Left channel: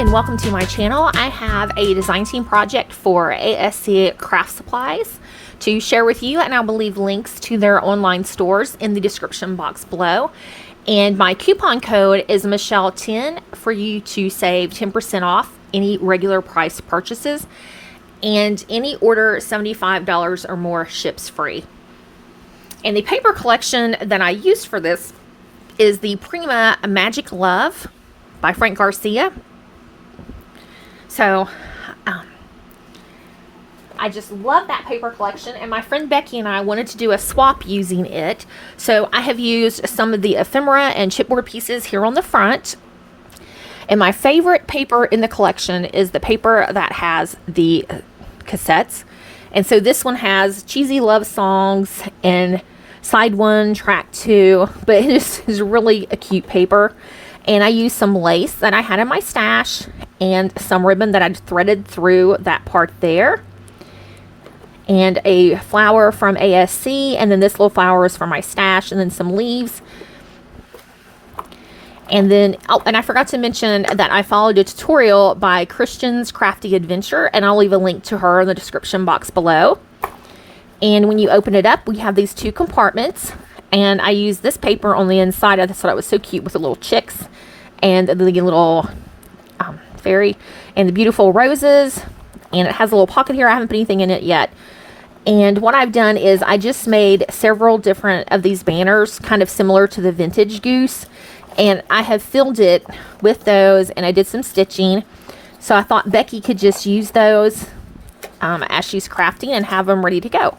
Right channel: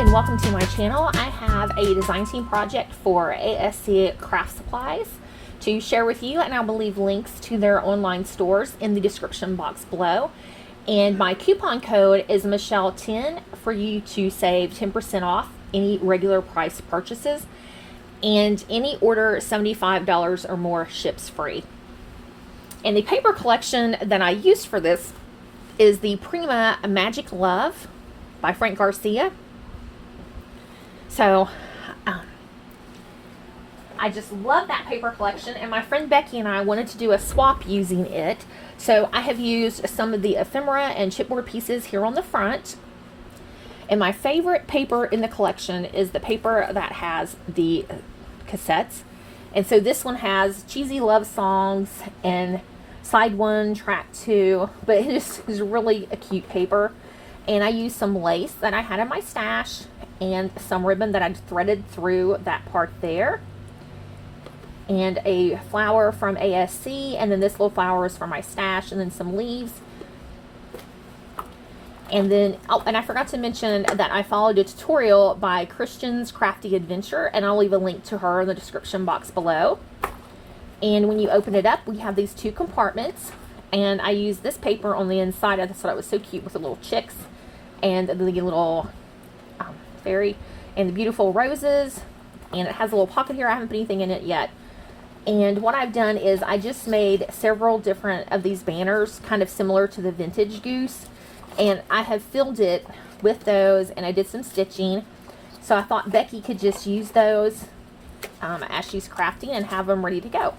and welcome to my channel. I have a design team project for ASC Craft Supplies to share with you, and I will leave links to their online stores in the description box below. And my coupon code is Michelle10 for you to save 10% off any regular price purchases, and any order $75 or more ships free. And the paper collection that I used for this is the Prima Magic Love by Frank Garcia. So I just love that paper collection, and my friend Becky and I wanted to do a swap using it. So I have used some of the ephemera and chipboard pieces here on the front. And my favorite paper in the collection is the paper that has the cassettes. And so this one has cheesy love songs and side 1, track 2, but it is really a cute paper. And I used some lace that I had in my stash and some ribbon that I'd threaded through that part there, and a flower from ASC, and then this little flower is from my stash, and then some leaves. And then, oh, and I forgot to mention that I followed a tutorial by Kristianne's Crafty Adventure, and I'll leave a link to her in the description box below. And when you open it up, we have these 2 compartments, and I used this paper on the inside. I just thought it was so cute with the little chicks and the little fairy and the beautiful roses, and it has a little pocket here. I haven't put anything in it yet. And what I've done is I just made several different of these banners, kind of similar to the vintage goose, and I have filled it with those, and I did some stitching. So I thought Becky could just use those as she's crafting and have them ready to go.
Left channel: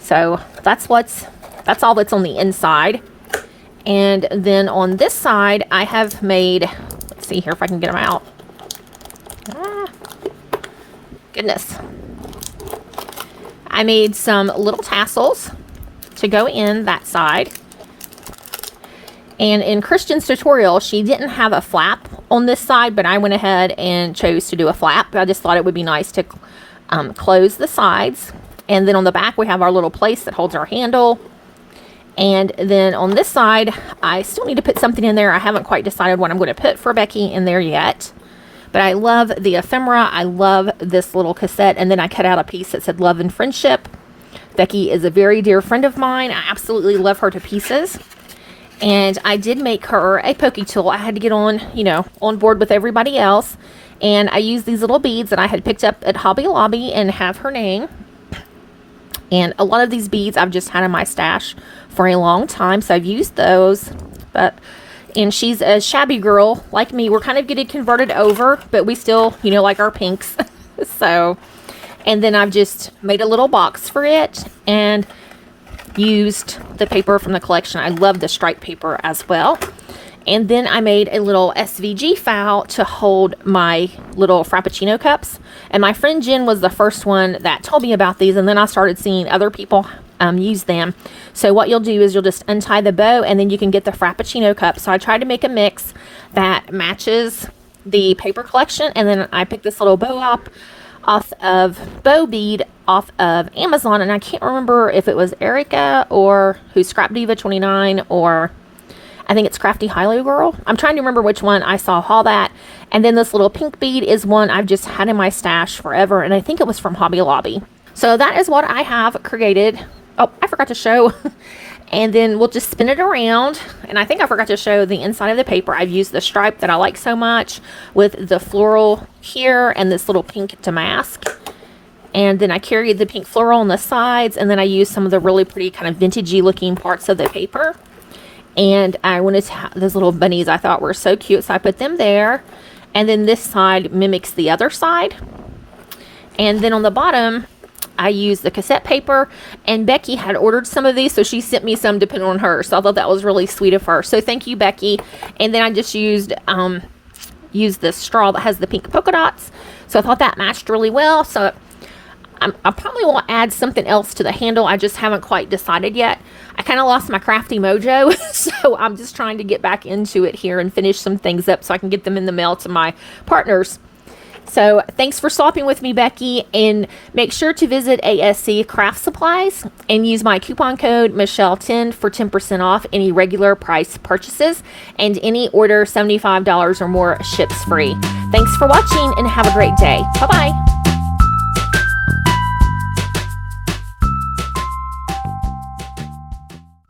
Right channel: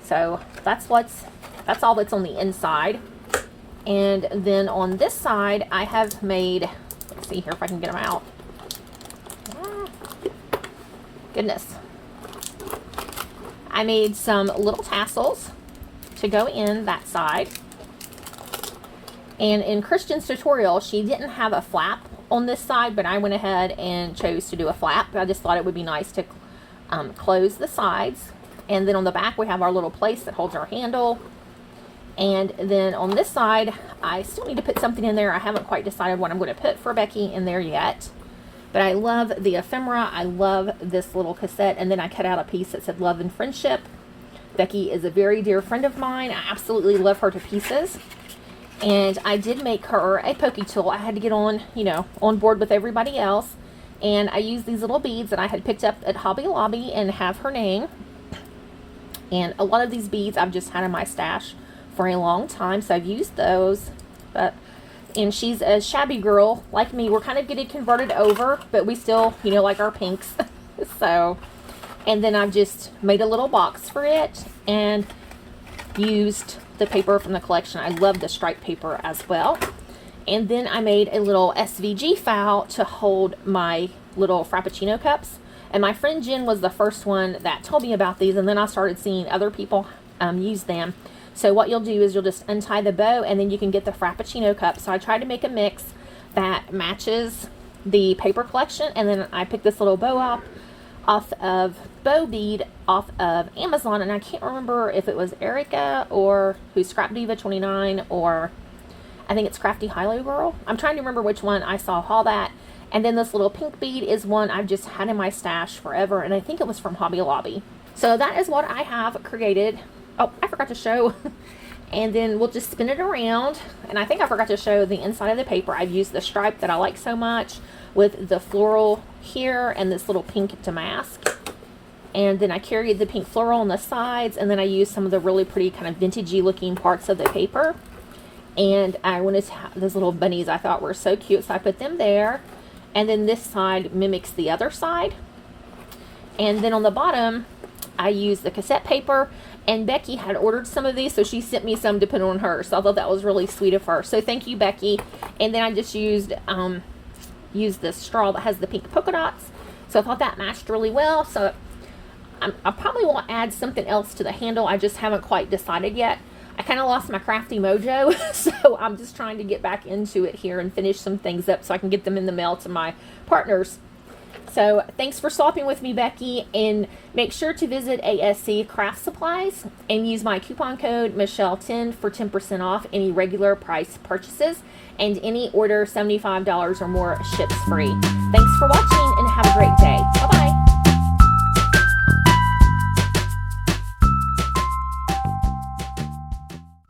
So that's all that's on the inside. And then on this side, I have made, let's see here if I can get them out. Goodness. I made some little tassels to go in that side. And in Kristianne's tutorial, she didn't have a flap on this side, but I went ahead and chose to do a flap. I just thought it would be nice to close the sides. And then on the back, we have our little place that holds our handle. And then on this side, I still need to put something in there. I haven't quite decided what I'm going to put for Becky in there yet. But I love the ephemera. I love this little cassette. And then I cut out a piece that said love and friendship. Becky is a very dear friend of mine. I absolutely love her to pieces. And I did make her a pokey tool. I had to get on, on board with everybody else. And I used these little beads that I had picked up at Hobby Lobby and have her name. And a lot of these beads I've just had in my stash for a long time, so I've used those. And she's a shabby girl like me. We're kind of getting converted over, but we still, like our pinks. So, and then I've just made a little box for it and used the paper from the collection. I love the stripe paper as well. And then I made a little SVG file to hold my little Frappuccino cups. And my friend Jen was the first one that told me about these, and then I started seeing other people use them. So what you'll do is you'll just untie the bow, and then you can get the Frappuccino cup. So I tried to make a mix that matches the paper collection, and then I picked this little bow bead off of Amazon, and I can't remember if it was Erica or who's Scrap Diva 29, or I think it's Crafty Hilo Girl. I'm trying to remember which one I saw haul that. And then this little pink bead is one I've just had in my stash forever, and I think it was from Hobby Lobby. So that is what I have created. Oh, I forgot to show. And then we'll just spin it around. And I think I forgot to show the inside of the paper. I've used the stripe that I like so much with the floral here and this little pink damask. And then I carried the pink floral on the sides, and then I used some of the really pretty kind of vintagey looking parts of the paper. And I wanted to have those little bunnies I thought were so cute, so I put them there. And then this side mimics the other side. And then on the bottom, I used the cassette paper, and Becky had ordered some of these, so she sent me some to put on her. So I thought that was really sweet of her. So thank you, Becky. And then I just used the straw that has the pink polka dots. So I thought that matched really well. So I probably will add something else to the handle. I just haven't quite decided yet. I kind of lost my crafty mojo, so I'm just trying to get back into it here and finish some things up so I can get them in the mail to my partners. So thanks for stopping with me, Becky, and make sure to visit ASC Craft Supplies and use my coupon code Michelle10 for 10% off any regular price purchases, and any order $75 or more ships free. Thanks for watching and have a great day. Bye-bye.